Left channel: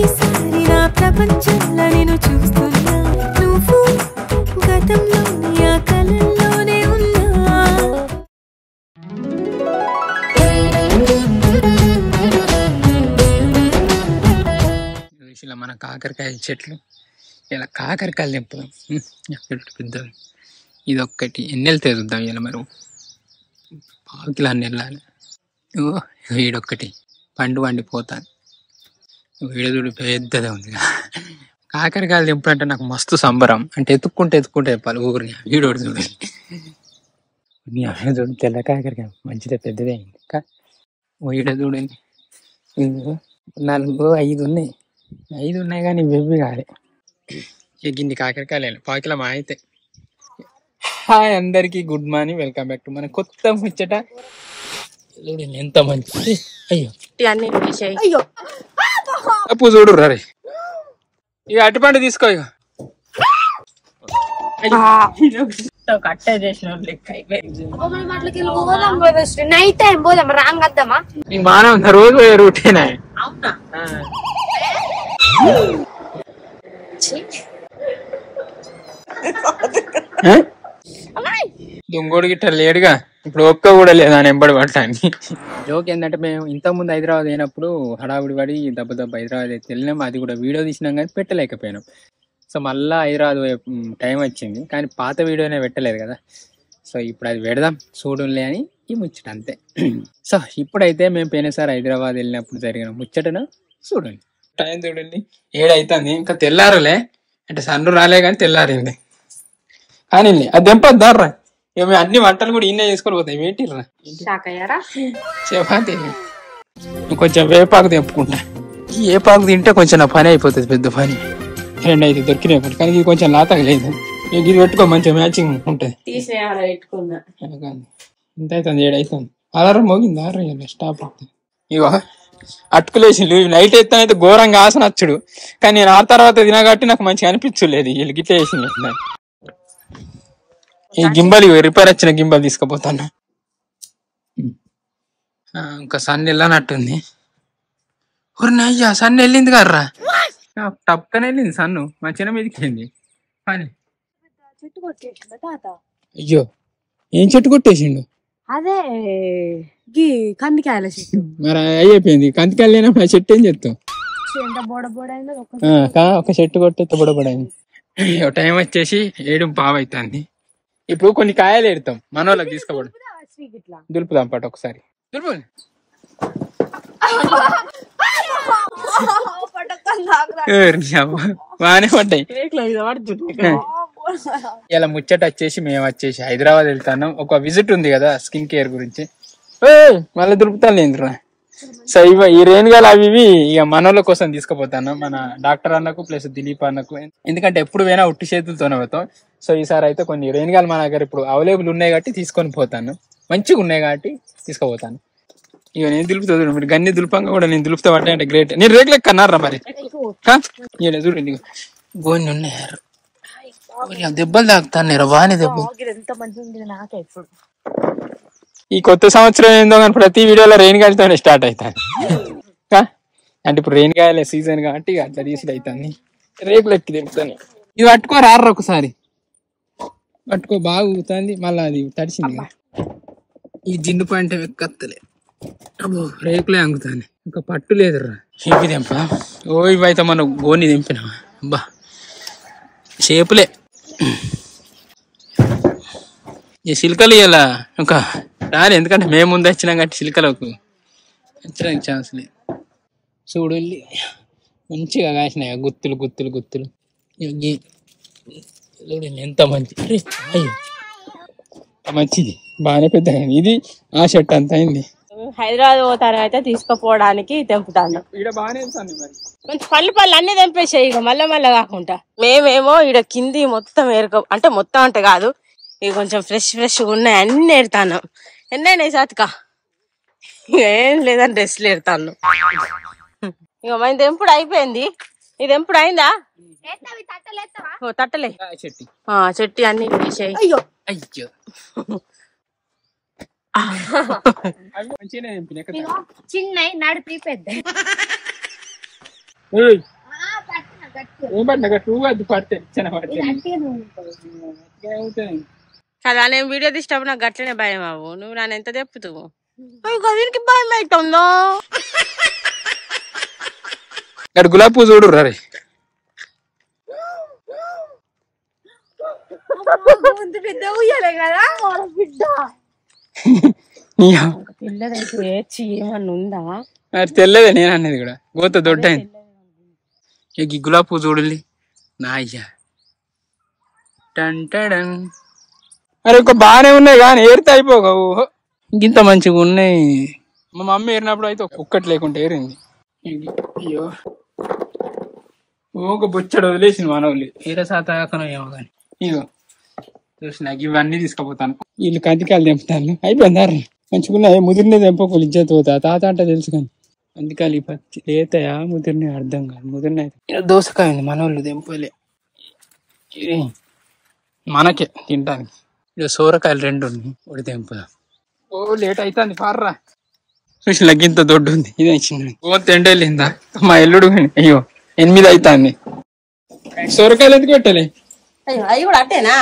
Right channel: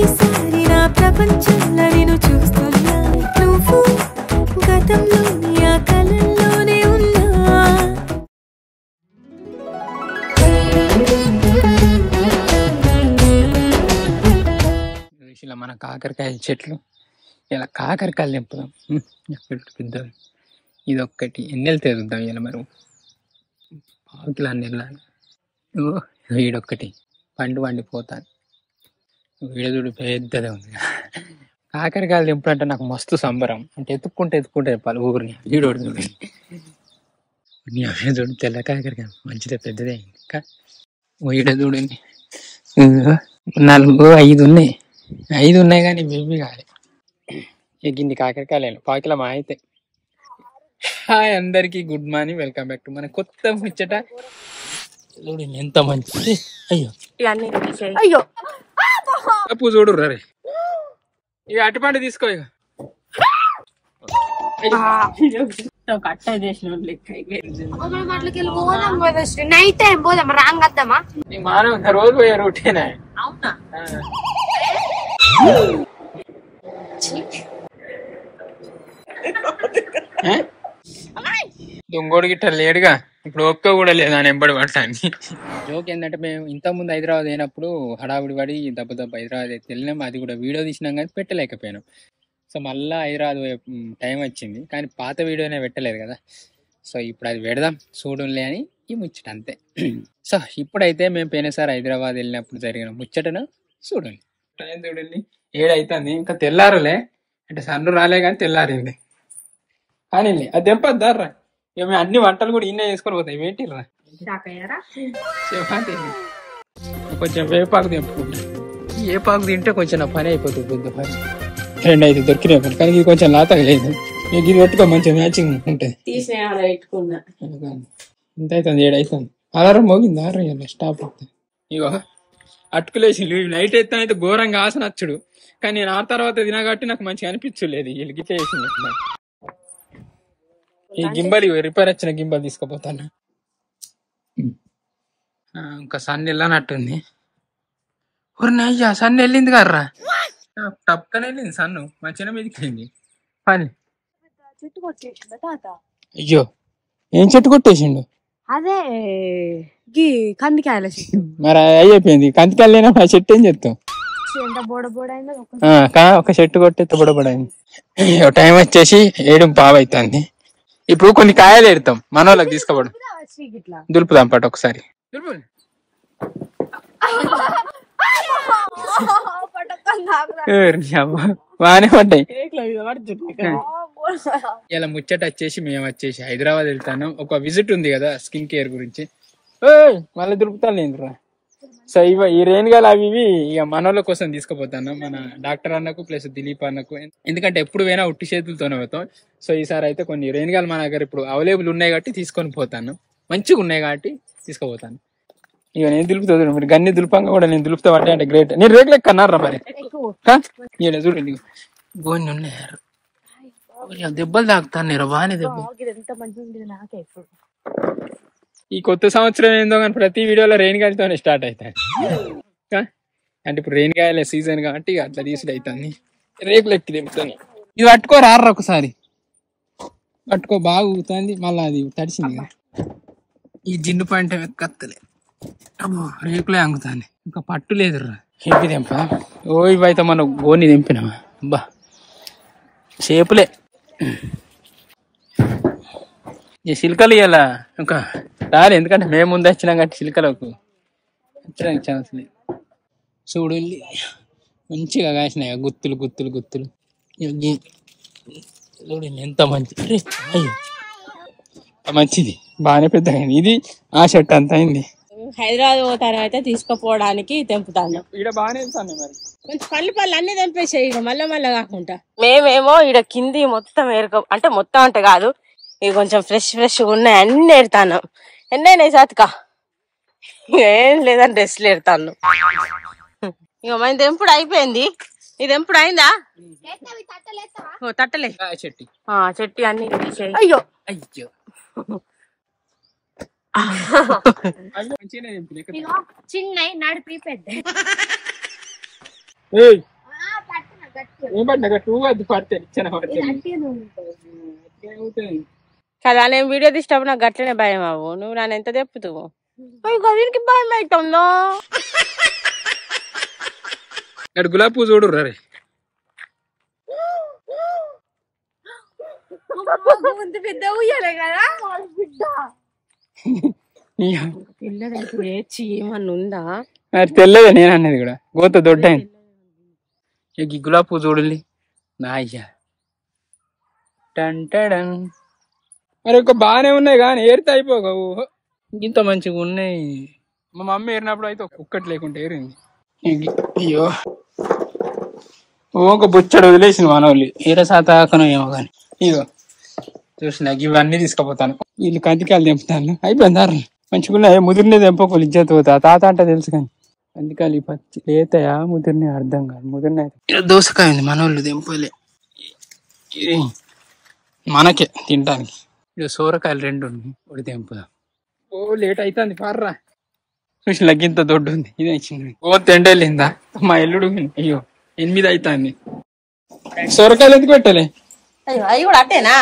ప్రతిసారి నా ప్రపంచంలో నేను చూస్తున్నా నువ్వు గతంలోని ఆ కలల్లోనే ఉన్నా మన కాకరకాయ చెట్లు ఇలా కాకరకాయలు తెంపుదాం. పెద్దవి ఇది ఒక్కటి ఎన్నెలు తెరుద్దాం ఇలా మరి 1 కిలో అన్ని వెళ్ళాలి. వీడొక్కటి పండు వండిపోతాను. వీడదుడు పెద్దదే ఉంది. కాకరకాయలు తెంపుడు అంటే నాకు మస్తు సంబరం. అంటే ఎత్తుక్కుంటే చెప్పాలి ఊరిని. వీడోడు చూడు చూడు తెల్ల కాకరకాయ మంచిదే పెద్దదే అయింది. వీడ చూడండి 4, 5 ఉన్నాయి. 5 ఉన్నాయి కానీ బేబీ కాదు. గిన్ని కాకరకాయలు 1 కిలో మా అయితే. హాయ్ అందరికి good morning, welcome back to మన కొత్త ముచ్చట. చూడండి ఎంత మంచి. అయ్యో అప్పు చూడు రే. ఇక అటుపండు తీసుకో. ఇక బాగా ఉందా రోజు రూటీన్. దొంగోడు గిట్ట లేడుగా ఇప్పుడు. ఒక్క కూడా లేదా ఎంబడి పడటానికి. జోక్ ఏంటంటే మేము ఇంతకుముందు హైదరాబాద్ అయినప్పుడు హడావుడి పడి దెబ్బ హైదరాబాద్ అయితే వెళ్ళినాం. అది కూడా వీడియో తీసినాం కానీ పెట్టలేకపోయినాం. సో మళ్ళీ హైదరాబాద్ టైం వచ్చింది కానీ పాత వీడియోనే పెట్టలేదు కదా. సో ఇప్పుడు అది పెడదాం చూడంలే అని ఈ ముచ్చట అంతే. సో ఇప్పుడైతే మేము పోయినసారి హైదరాబాద్ వెళ్ళినప్పుడు జరిగిన ముచ్చటను చూడండి. టైం చూడండి 7 అవుతుంది. ఇంకా తెల్లారులే అంటే సన్ను రాలే కానీ తెల్లారింది. కానీ అది దెంపద్దారా. ఇక మేము అన్ని వంటలు కూడా ఇన్నే చేసుకొని పోతాయి. ఏంటిరా చపాతీ. కొంచెం వేపాకు తెంపుకుంటా. ఈ వేపాకు తింటే కొంచెం నా పని అయిపోతుంది, పెద్ద పని. 2 అయితే దొరికినాయి ఒకటి. కానీ ఇది కొంచెం లాతగా లేదు. ఇది పెట్టుకో మంచిగా మ్యాచింగ్ ఉంటుంది. ఇంత అవుతుంది 7 అవుతుంది. అలారం మోగింది. స్టాప్ అవుతుంది. ఇగో అటుకులేసి నైట్ ఎత్తానైతే ఘోరంగా ఆసన వచ్చుడు. కానీ నేను ఆ తర్వాత తినా కాబట్టి నాకు మంచిగా అనిపించలేదు. వీళ్ళు గిట్ల వేసింది. ఈ గింబల్ రిపేర్ వచ్చిన గింబల్ తీసుకుపోతాను. ఇంకా సన్ వెళ్ళనట్టుంది. అయ్యా సన్ వెళ్ళింది కర్రా. టప్కనే వెళ్ళింది సన్ను. మా చిన్న మీదకి వెళ్ళింది. పని అయ్యో ఏం చెట్టు కొట్టేసిండు? అదే కందికాయల చెట్టు. మరి అయిపోయింది. కందికాయలు లేనప్పుడు ఆ చెట్టు ఏం చెప్తాం? ఒక చెట్టు కొట్టేస్తే బుడబడైంది. టైం వచ్చేసి 7:15 అవుతుంది. ఇప్పుడు కొన్ని కాయలు ఎడతాం మన వాళ్ళకి తీసుకోవడం. దులుపుదాం పాటు ఒకసారి. దులుపు బాగానే పడ్డాయి. ఇలా ముచ్చట వచ్చేసి మేము వచ్చేసి హైదరాబాద్ వెళ్తాను. ఒక విజిట్ ఉంది కదా స్కిన్ కేర్ గురించి. మళ్ళీ దులుపుతాను లేదురా. సో ఈ రేణుగాలు అవి ఇవి ఇక మనోళ్ళ కోసం తీసుకుపోతాను. మన డాక్టర్ అన్నకు ప్లస్ దిలీప్ అన్నకు. ఎందుకంటే ఎప్పుడు పోయినా ఉట్టి చేతులతోనే పోతాం. సో ఈసారి అయితే కొన్ని రేణుగాలు మన దగ్గర ఇప్పుడు అవైలబుల్ ఉన్నాయి కాబట్టి తీసుకొని పోతాను. మంచిగా ఉన్నాయి కాబట్టి తీసుకుపోతాను. ఇక నేను దులుపుతా. మీరు గన్ని దులుపంగా కూడా నేను దులుపుతా పడ్డా అంటే గ్రేట్. నేను రేట్లు ఎక్కన్నారా మరి చూడండి. గోన్ని ఉన్నారు. దెబ్బలు తాకుతాను బాగానే దెబ్బలు. ఈ కొత్త సంవత్సరం ఏందో కానీ ప్రతి వీడియోలో రేణిగాయలతోనే స్టార్ట్ అవుతాను. అంటే ఇప్పుడు రేణిగాయల సీజన్ కాబట్టి అట్లా తీసుడు అవుతుంది. రేకులు ఎక్కి దింపుతాను. ఇది పట్టుకోరారు ఒకసారి. పట్టుకో బాగా ఊగుతుంది. మళ్ళీ అది తడిసింది కదా. ఈ జిండు పాయింట్ ఎక్కత్తలే. అబ్బో రేకులే అంగుతాను. ఇంకా పట్టు లేదురా. చెప్పి దింప. ఇవి అయితే మనం గోని దింపినా. అబ్బా చేపులే. ఈ చిలుకలు ఇలా ఇంకా రాలే. ఎందుకంటే మేము ముందు వచ్చినాం కాబట్టి చిలుకలకు వచ్చడానికి ఛాన్స్ లేదు. చూడు మంచిగా కాసినాయి గుత్తులు గుత్తులు గుత్తులు. చూడండి ఎంత మంచి. అయ్యో మంచిది బాగానే పెద్దగా అయింది. ఇది ఆ షర్ట్ అంత అయింది. హైదరాబాద్ పోతాను అయితే తీసుకుపోవడానికి తెంపుతాను. ఇక్కడ బాగానే వెళ్తాను. మరి కొంచెం పళ్ళు అన్ని తెంపేసాయి. ఇక మళ్ళీ కాకుండా మేమేమో ఇక్కడ కింది మొత్తం అంటే మొత్తం అంటే కాదు, ఇవి కొంచెం ఫ్రెష్ ఉన్నాయి. అన్ని ఎడతాను. ఎన్నైనా సాతుక ఏం లేదని డ్రెస్లు ఎడతాను. ఇక మన తెంపుడు అయిపోయింది. ఇది ఎప్పుడు అయిందా? తట్టలే చెట్టి అన్ని అయ్యో అయ్యో చిన్న నడిపి పెద్ద ఏం పట్టినా టూ అది పడితే ఇచ్చిన పడితే కదా నేను వీడియో తీసేటప్పుడు నాకు గట్లనే భయం అవ్వు. నువ్వు నన్ను ఎంత చెప్పుతావు? దీనికి భయం అవుతుందో. ఇక్కడ గులాబీ పువ్వు చూడు రే. పెద్ద ఉయ్యాలే కదా బిడ్డ. పిల్లదైతే ఏమన్నా ఉందా? తెల్లదే నేను అనేది కూడా గోత దొడ్డైంది. ఈ గులాబీ పువ్వు చూడండి నా అయ్యా. టంటడం అరే ఒక బాగానే ఉన్నాయి కానీ ఏరితే అయిపోగావు. ఇంత మంచిగా ఉన్నాయి. మా మమ్మీ ఏరినప్పుడు అయితే ఒక్కటి లేకుండా ఏరింది. అయ్యో ఒక బుచ్చడు వదిలేసింది మనోళ్ళు. ఏర శాతకనో ఏమో కానీ ఇగో చూసిన ఇవన్నీ తీసుకుపోతాను. వీళ్ళు కందికాయలు తెంపుతాను. అయిపోయింది మంచిగా ముదిరినే తెంపకోలు ఇజ్జత్ పోతా. తాత అంటే తెలుసు కానీ కందికాయలు పచ్చి లేతాయా ముదిరినే అర్థం కాదు. ముదిరిన అయితే దోసకాయ ఉంది మనోళ్ళు తెంపలే. ఇది మనకే తినడానికి. ఇక సోరకాయలు 2 ఉన్నాయి. ఒకటి తెంపుదా. ఓ లేట్ అవుతుంది పార్రా. చూసి లగ్గింత దొడ్డు ఉంది. ఇదే చిన్న గోంత ఎండెళ్ళిందా మా ఎల్లుడు. అయ్యో 8 అవుతుంది. సోరకాయలు ఎందుకు పెట్టలే? అవి కూడా అట్టేనా?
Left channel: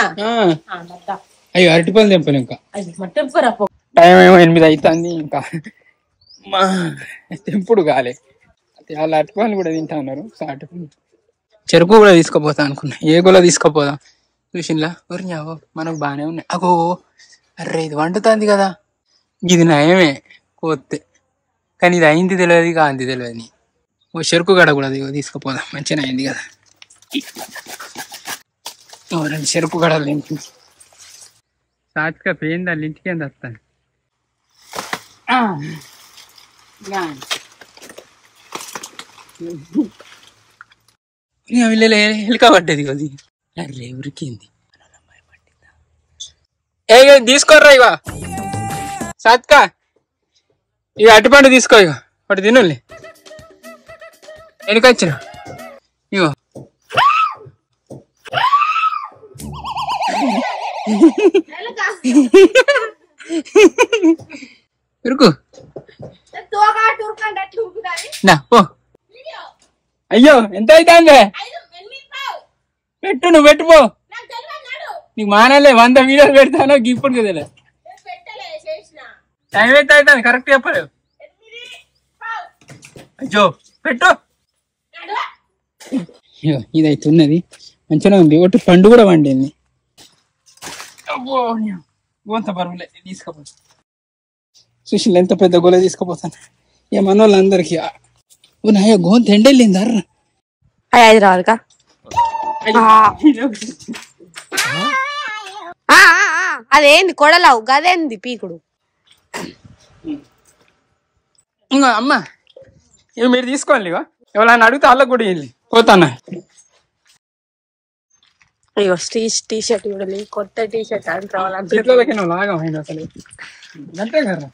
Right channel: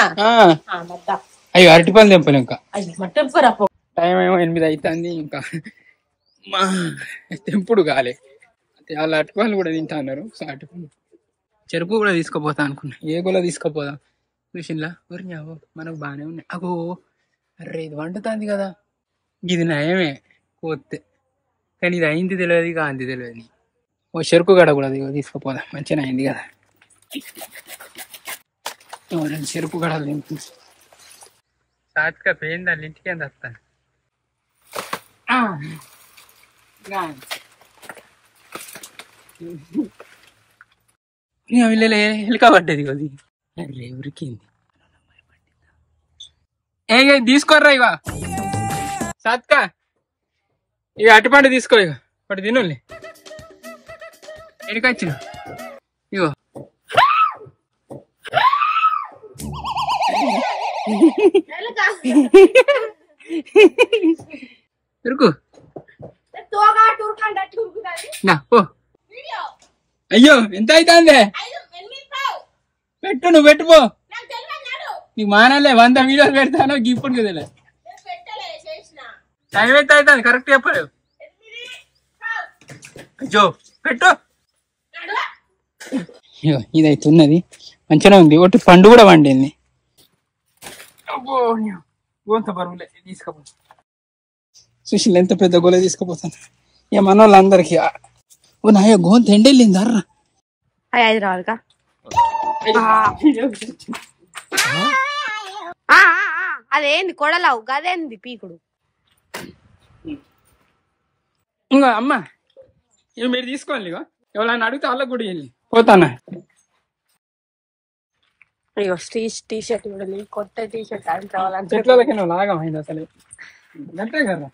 అయ్యో అరటిపళ్ళు తెంపలే ఇంకా. టైం ఏమో 8 అవుతుంది ఇంకా మా తెంపుడు కాలే. వాళ్ళ అరటిపళ్ళు కూడా తింటా అన్నారు. అరటిపళ్ళు చెరుకు కూడా తీసుకుపోతా అనుకున్నా. ఏ గోళ తీసుకుపోదా చూసిన్లా ఊరినావో మనకు బాగానే ఉన్నాయి. అగో అర్రే ఇది వండుతుంది కదా. ఇది నయమే కోస్తే కానీ ఇది అయింది తెలియదు కాంతి తెలియదు. ఓ చెరుకు గడ కూడా తీసుకుపోదాం. మంచిగా అయింది కదా. 2 చెరుకు గడలు నింపి సాచిగా పోయిందా ఇంటికి ఏంది వస్తాను. వీళ్ళే ఎలుక పడ్డది కొద్ది. అర్రే ఉరికింది. ఏ తీసుకోర్రా ఇక సాత్కా. ఇక అరటిపండు తీసుకో. ఇక ఒకటి తినులే. వెనుకొచ్చిన ఇగో ఉరుకు నా ఓ. అయ్యో ఎంత అవుతుంది? పెట్టు నువ్వు పెట్టుపో. నీకు మానలే 100 వీడియోలు పెడతాను ఇప్పుడు కదలే. టైం ఎంత అవుతుంది కరెక్ట్ చెప్పలేవు. అయ్యో పెట్టు. అయ్యో ఇదైతే ఉన్నది మంచిగా ఉంది. ఒకటి పండు కూడా వండింది. అబ్బో గోంత బరువులే తీసుకుపోతా. సుశీల్ ఎంత పెద్ద గోలే తీసుకుపోతాను. ఇక మన వాళ్ళందరికి ఓ నాయ గోంత ఎండెళ్ళింది అర్రా. హైదరాబాద్ అదేంది కొడలావు గదేంది పీకుడు. ఇంకా అమ్మ ఇవి మీరు తీసుకోండి. ఇక ఎవరైనా అడిగితే వాళ్ళకి కూడా వెళ్ళి పోతానా. అయ్యో టీ షర్ట్ కూడా కొత్త టీ షర్ట్ అనుకోవాలంటే చెట్లకి నువ్వు లాగం అయినా అసలు అంతే కదా.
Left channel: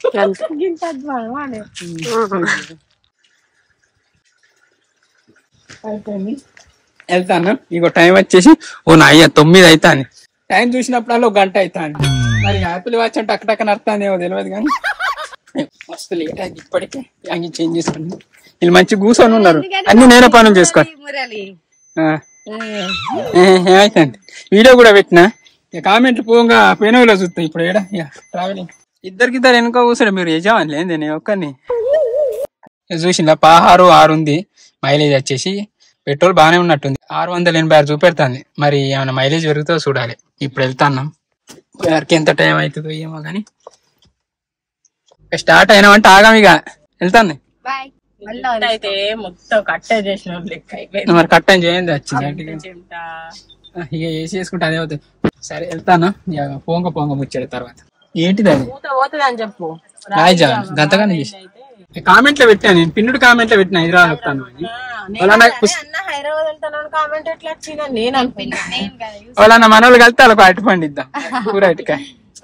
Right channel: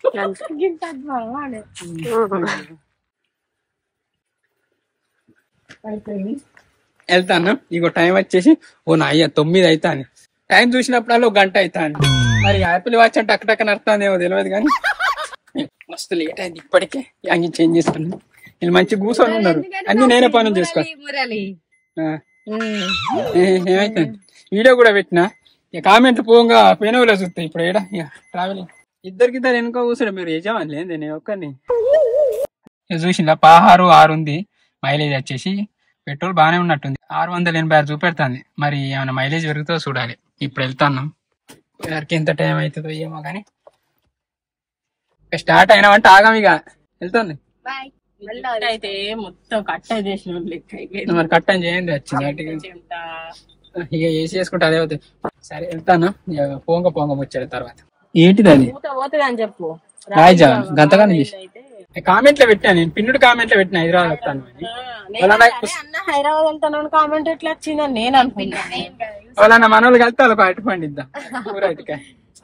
వెళ్తాను. ఇగో టైం వచ్చేసి ఓ నా అయ్యా 9 అవుతాను. టైం చూసినప్పుడల్లా 1 గంట అవుతాను. మరి యాపిల్ వాచ్ అంటే టక్క నడుతుందేమో తెలియదు కానీ మస్తు లేట్ అయింది ఇప్పటికే. అంగి చేంజ్ చేసుకున్నాను. వీళ్ళు మంచి కూర్చొని ఉన్నారు. అన్ని నేనే పనులు చేసుకో. ఏమైతుంది వీడియో కూడా పెట్టినా. ఇక కామెంట్లు పోగా పోయినవిలో చూస్తాయి. ఇప్పుడు ఏడా ఇక ట్రావెలింగ్ 2 వెనుక కూర్చోండి. మీరు యజమాని లేదు నేను ఒక్కరిని చూసిందా. 6 ఉంది. మైలేజ్ వచ్చేసి పెట్రోల్ బాగానే ఉన్నట్టుంది. 686 చూపెడుతుంది. మరి ఏమైనా మైలేజ్ పెరుగుతుందో చూడాలి. ఇప్పుడు వెళ్తాను. ఎవరికి ఎంత టైం అవుతుందో ఏమో కానీ స్టార్ట్ అయినామంటే ఆగాం. ఇక వెళ్తాను. అయితే మొత్తం కట్టెన్ చేసిన మరి కట్టెన్ చేయండి వచ్చింది. ఇక వేసి చేసుకుంటే అదే అవుతుంది. సరే వెళ్తాను. ఇక పొంగ ముచ్చాడు తర్వాత ఏంటిది అది పోతుంది అని చెప్పు. రాయిజా గంతగానే చేసి కామెంట్లో పెట్టాను. నేను పిన్నుడు కామెంట్లో పెట్టిన హైదరాబాద్ వస్తాను అని. హైదరాబాద్ వెళ్తాను కామెంట్ ఎట్లా వచ్చిందని నేను అనుకున్నాను. వాళ్ళ మన వాళ్ళు కలిస్తే వాళ్ళకి అరటి పండు ఇద్దాం. కూర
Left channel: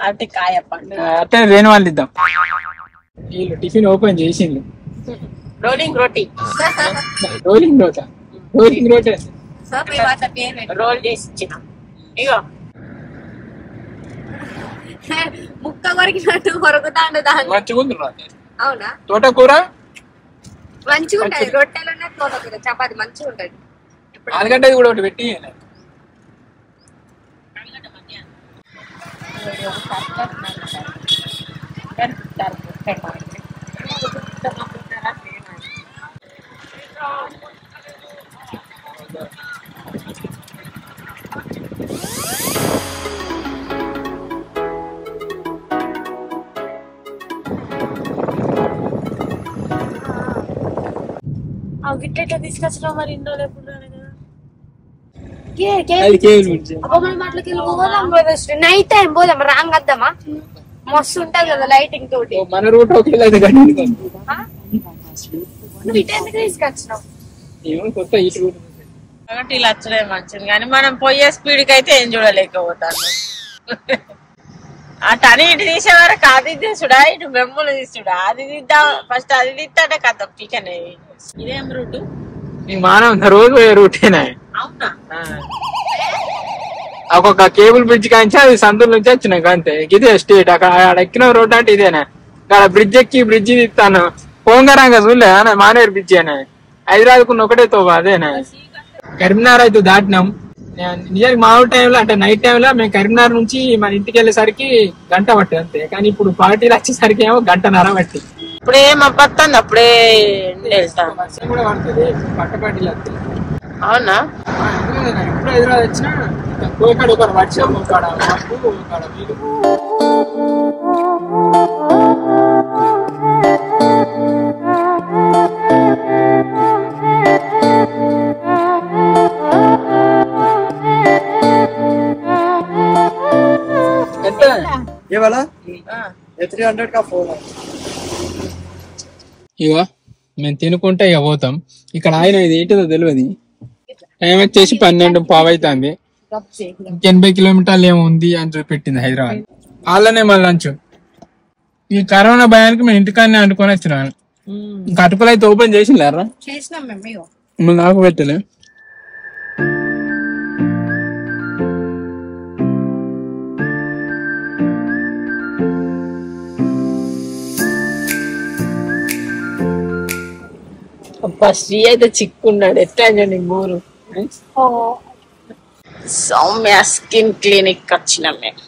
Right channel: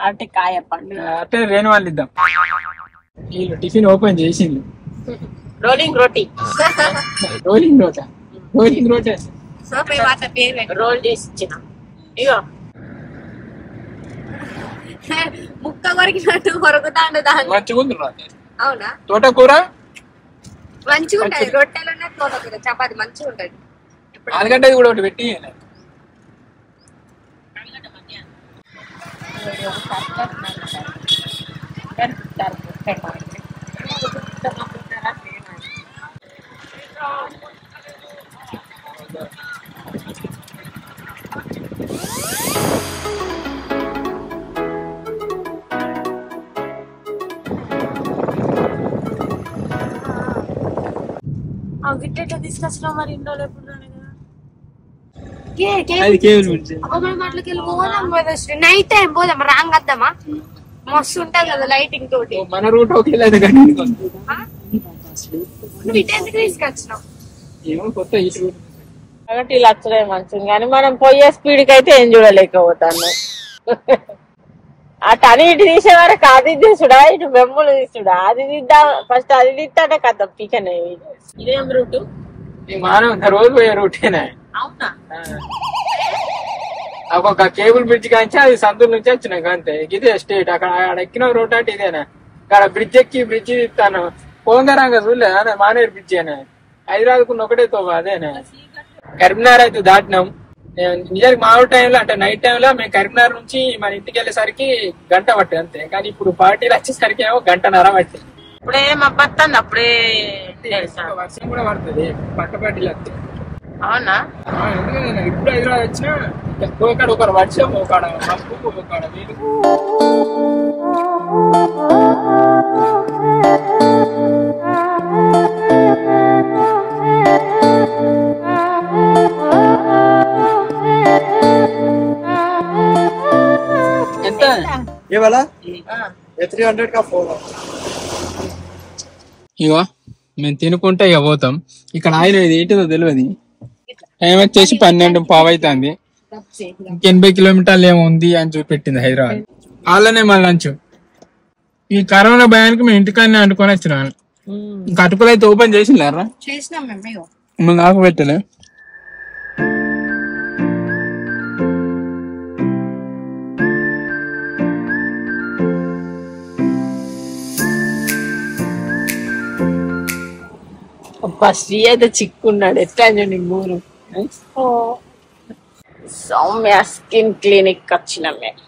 అరటికాయ పండు అట్టే వేణు వాళ్ళు ఇద్దాం. వీళ్ళు టిఫిన్ ఓపెన్ చేసిండు. రోలింగ్ రోటీ రోల్ చేసి ఇచ్చిన. ఇగో ముక్క కొరికినట్టు కొరుకుతాండు దాన్ని. మంచిగా ఉంది. అవునా? తోటకూర మంచిగా ఉంటది రొట్టెలు ఉన్న తోటకూర చపాతి మంచిగా ఉంటది ఆలుగడ్డ కూడా ఒకటి పెట్టి గిట్ట తీసుకొచ్చినావు మరి ఇండో లేకుండా నైట్ టైం పోదాం రాంగ్ వద్దామా మస్తు ఉంటది కదా లైటింగ్ తోటి మన రూట్ నువ్వు ఇటు ఎందుకు తీసుకొచ్చినావు కాబట్టి ఇలా వచ్చడే మంచిది కానీ మనం పోయే స్పీడ్ కి అయితే ఏం చూడలేకపోతాను అటు అని ఇటు తీసే వరకు అది తీసుడా ఇటు బెమ్ములు తీసుడా అది తీద్దాం ఫస్ట్ అది తీస్తాడే కదా పీకనే ఇదేం రూటు మానవ రోజు పోయే రూటేనా అవునా ఒక్కొక్క కేబుల్ బ్రిడ్జ్ కాంచి అది సందుల నుంచి వచ్చినాక అంతే ఇదే స్టేట్ అక్కడ ఎక్కిన రోడ్ అంటే ఇదేనా ఇక్కడ బ్రిడ్జ్ ఎక్కి బ్రిడ్జ్ తీస్తాను పోంగరంగా చూడలే మానేరు బ్రిడ్జ్ అనే హైదరాబాద్కున్న ఒకటే తోవా అదేనా కరీంనగర్ అయితే దాటినాం నిజానికి మా ఊరు టైంలో అంటే నైట్ టైంలో మేము కరీంనగర్ నుంచి మన ఇంటికి వెళ్ళేసరికి గంట పట్టింది అంతే కానీ ఇప్పుడు పార్టీలు వచ్చేసరికి ఏమో 1.5 గంట పట్టింది అప్పుడే మబ్బత్తంది అప్పుడే వర్షం కూడా పడుతుంది పట్టపాటిలు వస్తాయి అవునా ఎందుకంటే ఇప్పుడు హైదరాబాద్ వచ్చినా ఒకడ ఒక వర్షం ఒకడ మబ్బు ఒకడ వీలు ఎంత ये वाला 300 का 4 ఇగో మేము తినుకుంటే ఇక పోతాం ఇక్కడ ఆయన ఇది ఏంటిదో తెలియదు టైం వచ్చేసి 12 పావు అవుతుంది 80 కిలోమీటర్లు ఏమో ఉంది అని చూపెట్టింది హైదరాబాద్ వాళ్ళనే మళ్ళీ లంచ్ ఈ కరోనా భయానికి మేము ఇంటికాడనే అనుకొని వచ్చినాను ఇంకా అటుకులు అయితే ఓపెన్ చేసిండారా చేసినాం మేము మళ్ళీ నాకు పెట్టలే శ్రీ అయితే చిక్కున్నాడు ఎట్లా నీ ఊరు సౌమ్య స్కిన్ క్లినిక్ వచ్చినాం మేము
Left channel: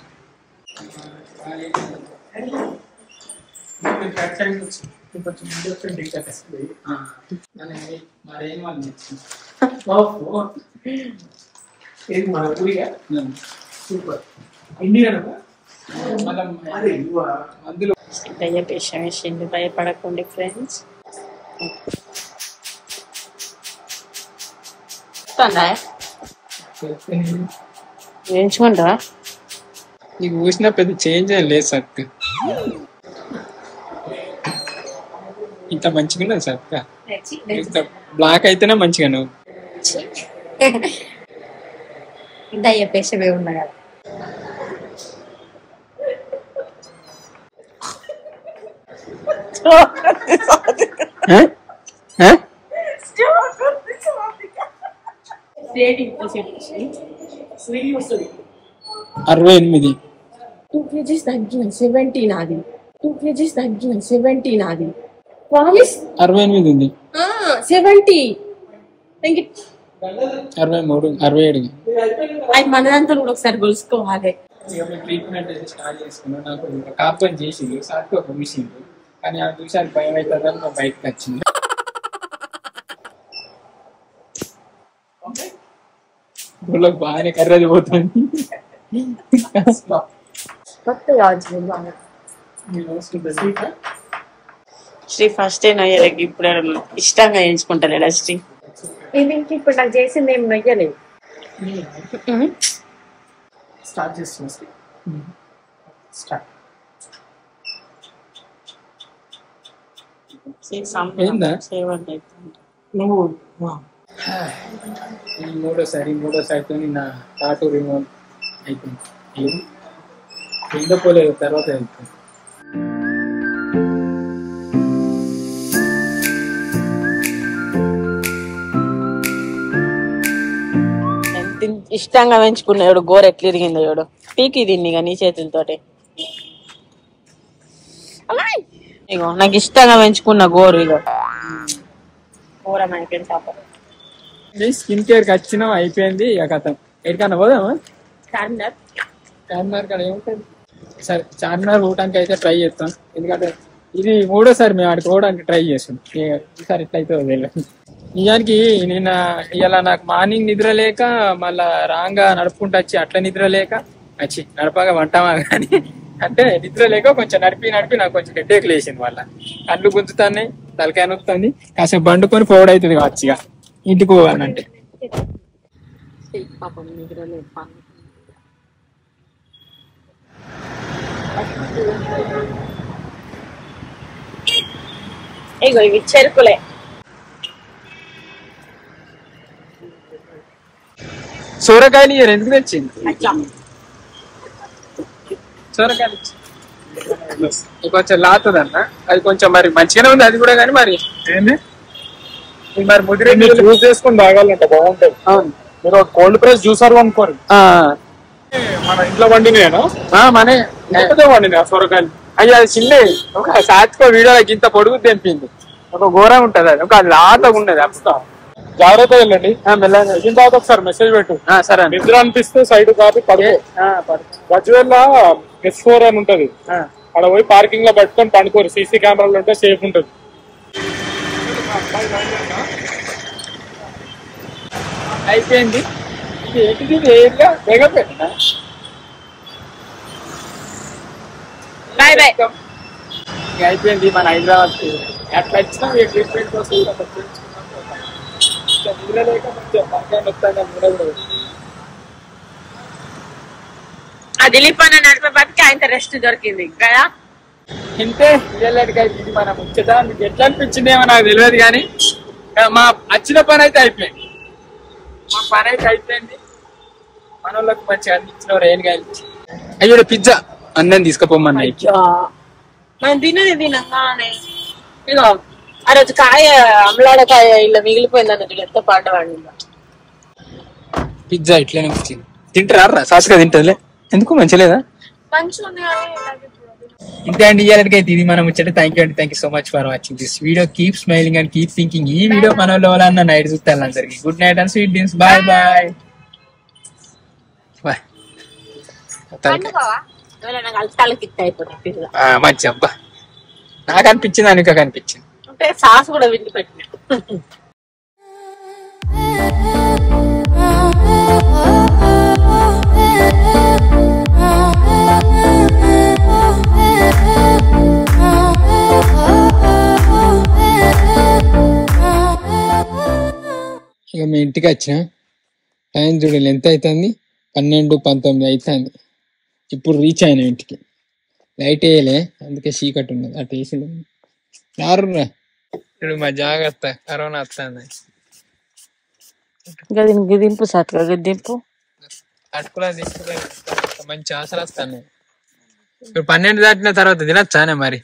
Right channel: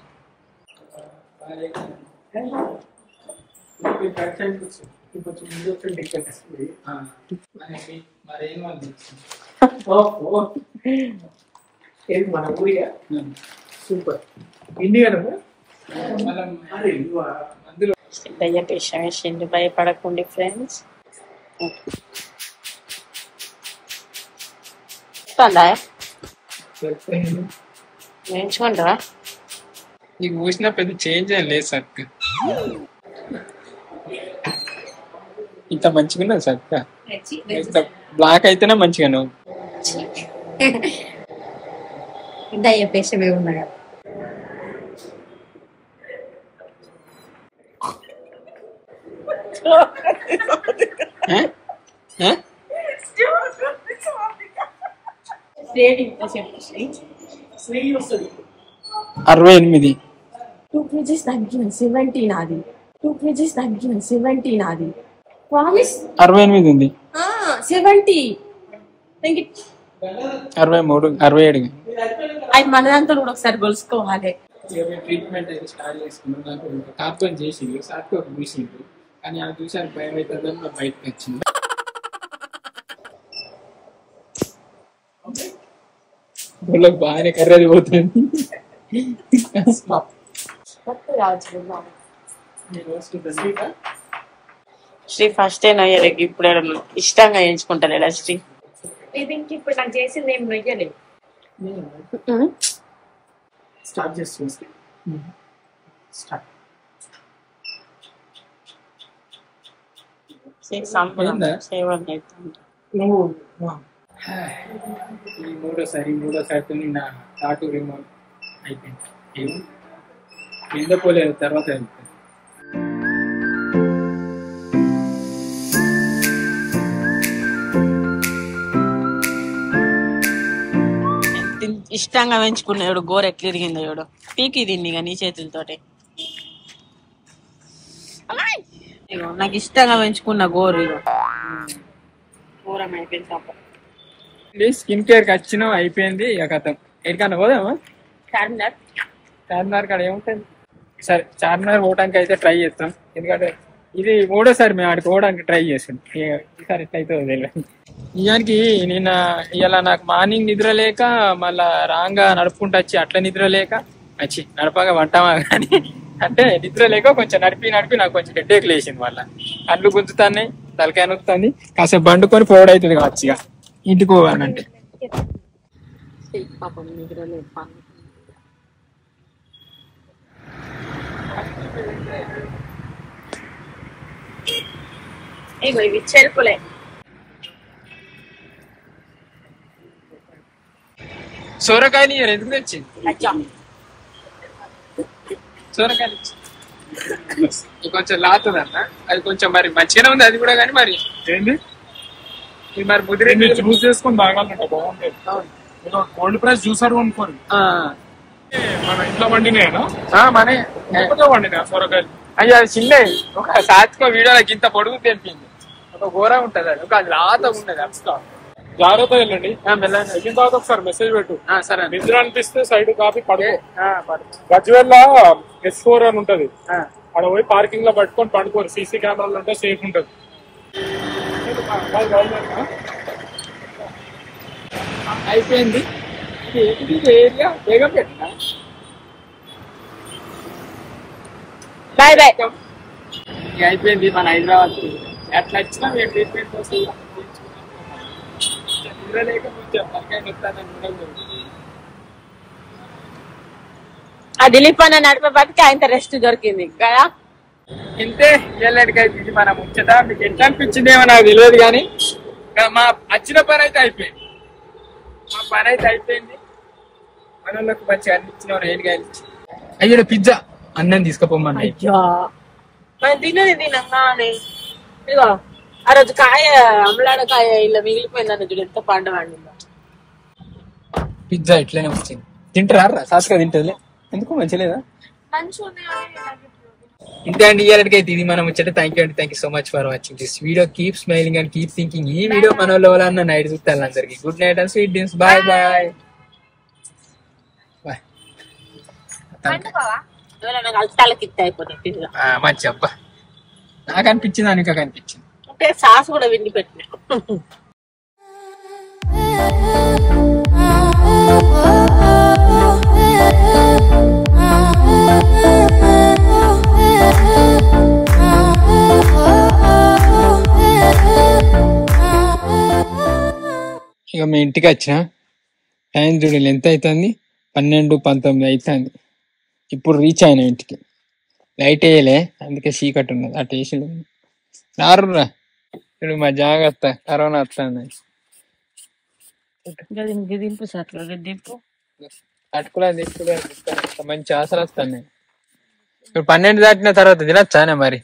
దయ్యపేషం వేసిండు భయపడకండి ఫ్రెండ్స్ వేయించుకుంటారా నీకు చూసిన పెద్ద చేంజ్ ఏం లేదు సక్క ఇంత మంచిగా ఉన్నది సక్క ఇంత బ్లాక్ అయితేనే మంచిగా నువ్వు దయ్యపేషమే ఉన్నా కదా అరవై 68 2 kgs తగ్గిన 17 నాది 2 kgs తగ్గిన 17 నాది ప్రామిస్ 68 ఉంది 70 63 67 అది మనదంతా కూడా ఒకసారి గొలుసుకోవాలి ట్రీట్మెంట్ అయితే స్టార్ట్ చేసుకున్నాను నాకు కాపుకొని చేసింది సార్కి ఒక చూసింది కానీ ఆ చూసాను భయం అవుతుందని నా బయటకు వచ్చింది గుళ్ళకి బాగానే కర్రది పోతుంది శ్రీ ఫస్ట్ నయ్యలకి ఇప్పుడు ఇష్టంగా ఎంచుకుంటారా శ్రీ ఇది ఇంక ఇప్పుడు నాకు చేసింది ఏం నొయ్యలేదు स्टार्ट చేస్తుంది స్టార్ట్ నువ్వు మూడోసారితో నా టాటూ రిమూవ్ అయిపోయింది ఎందో పోలేదు తర్వాత వెళ్తాను ఇష్టంగా పెంచుకున్నాడు గోరు ఎట్లా ఇరిగిందో చూడు పీకి దీన్ని ఇక నీ చేతులతోటి ఇగో నాకు ఇష్టంగా పెంచుకున్న గోరు ఇగో ఘోరం అయిపోయింది పాపం. స్కిన్ కేర్ కి వచ్చినాం, అయిపోయింది ఇక కథం. ఎక్కడికన్నా పోదామా? చార్మినార్ చార్మినార్ కాడ ఏముంటుంది? సరే చార్మినార్ పోవడానికి అయితే ట్రై చేస్తాం, ఎందుకంటే ఇది మూడోసారి మేము ఆడికి పోవడానికి ట్రై చేస్తాం. ఈసారి ఎట్లయితే తెలియదు. నిజానికి నిన్న ఇలా నాకు మార్నింగ్ నిద్ర లేక మళ్ళా రాంగా నడుపుకుంటూ వచ్చి అట్లా నిద్ర లేక వచ్చి నడపగా వంటామా కానీ అంటే నిద్ర లేక కొంచెం నడిపి నాకు కొంచెం హెడ్ఏక్ లేచింది. మళ్ళీ కళ్ళు గుంజుతాయి, తలకాయ నొక్కుతుంది. కాసేపు బండుకొని పోవడవుతుంది కావచ్చు ఇక ఇంటికి పోవాలంటే. పాపం నిద్ర లేదు. ఇగో ఇవి చెరుకులే. సొరకాయలు ఎందుకు తెచ్చింది? సొరకాయలు కొంచెం లాతుందన్న, అది కొంచెం మరి మంచిగానే ఉంది అది కూడా, కానీ మరి ఏంది మరి ముదిరి జ్యూస్ చేసుకుని తాగాలంట, బాగుంటది. మీరు కోల్డ్ ప్రెస్ జ్యూసర్ అనుకోండి. మన ఇంట్లో వండినేనా? మనే వండినా సొరకాయలు. అయ్యో అది చిన్న ఒక సాత్కో వీడియోకి ఇంత పొడుగు తెంపింది, ఒక ఘోరం ఉంటది, అది ఒక లాతగా ఉండదు. అప్స్తా జాగ్రత్త వెళ్ళండి. వెళ్ళిన తర్వాత ఒకసారి మెసేజ్ పెట్టు. సరే, నిద్ర అనిపిస్తే సైడ్ కాపీ పడుకో. గజ్వేల్ S4 అని ఉంటది, అక్కడ పోయి పార్కింగ్ లో పట్టుకొని పండుకోరు. సీసీ కెమెరాలు ఉంటే సేఫ్ ఉంటది. అయిపోయింది. ఇది ఏంటిది వేరుగా వేగం పెట్టినా. అయిపోయింది మన హైదరాబాద్. అట్లా వచ్చినా ట్రీట్మెంట్ కోసం నిద్ర లేక కొంచెం మనకాయ నొప్పాను. నిద్ర కూడా ఆ దిలీప్ అన్న నడిపే బతికి ఆయన రెస్ట్ దొరికింది కదా. ఇంతే ఇళ్ళకి ఇది మన ముచ్చట. మీకు ఎట్లా అనిపించింది ఏమో నాకు తెలియదు, కానీ మా వచ్చిన పని అయితే అయిపోయింది. మా పని అయితే అయిపోయింది. మన వాళ్ళకి మంచిగా అనిపించిన ఏం కాదు. అయ్యో పిజ్జా అన్నం తీసుకుపోమన్నా. తినేది తినగా ఇగో ఆ రోజు కాయ అమలాడకాయ ఇలా మిగిలిపోయింది అన్న చూడు, ఎంత పండవాడి. పిజ్జా ఇట్లనే వచ్చింది. తింటారా? సాసుగా తింటదిలే, ఎందుకు మంచిలేదా? ఇంతే అండి ఇయ్యాలకైతే ఇది మనం వచ్చేట. థ్యాంక్ యూ అండి, thank you so much for watching this video. Keep smiling and keep thinking. ఈ వీడియో మన వాళ్ళ నైట్ చూస్తాను అందరికి. Good night and sweet dreams. Bye bye bye. మంచి అబ్బా, నాకు అనిపించింది, అనుక కనిపించింది. అంటే సాస్ కూడా విండి పెట్టిన. ఇక మీ ఇంటికి వచ్చిన టైం చూడాలి ఎంత అవుతుంది, 12-19 అవుతుంది. ఇప్పుడు రీచ్ అయినా ఇంటికి. లైట్ వేయలే, అందుకే చీకటి ఉన్నది. అటు వేసి రారురా ఇప్పుడు మా జాగ్రత్త, కరోనా వస్తుంది. దింపు సార్, దింపు అటుకులా దింపులే మంచి ఆశలు వస్తాయి. ఇప్పుడు 12 దాటిన తర్వాత తినచ్చానే మరి.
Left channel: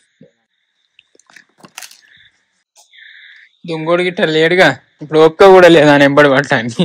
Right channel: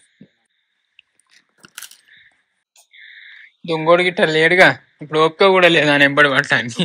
దొంగోడు గిట్ట లేడుగా, ఇప్పుడు ఒక్క కూడా లేదా ఎంబడి పడటానికి.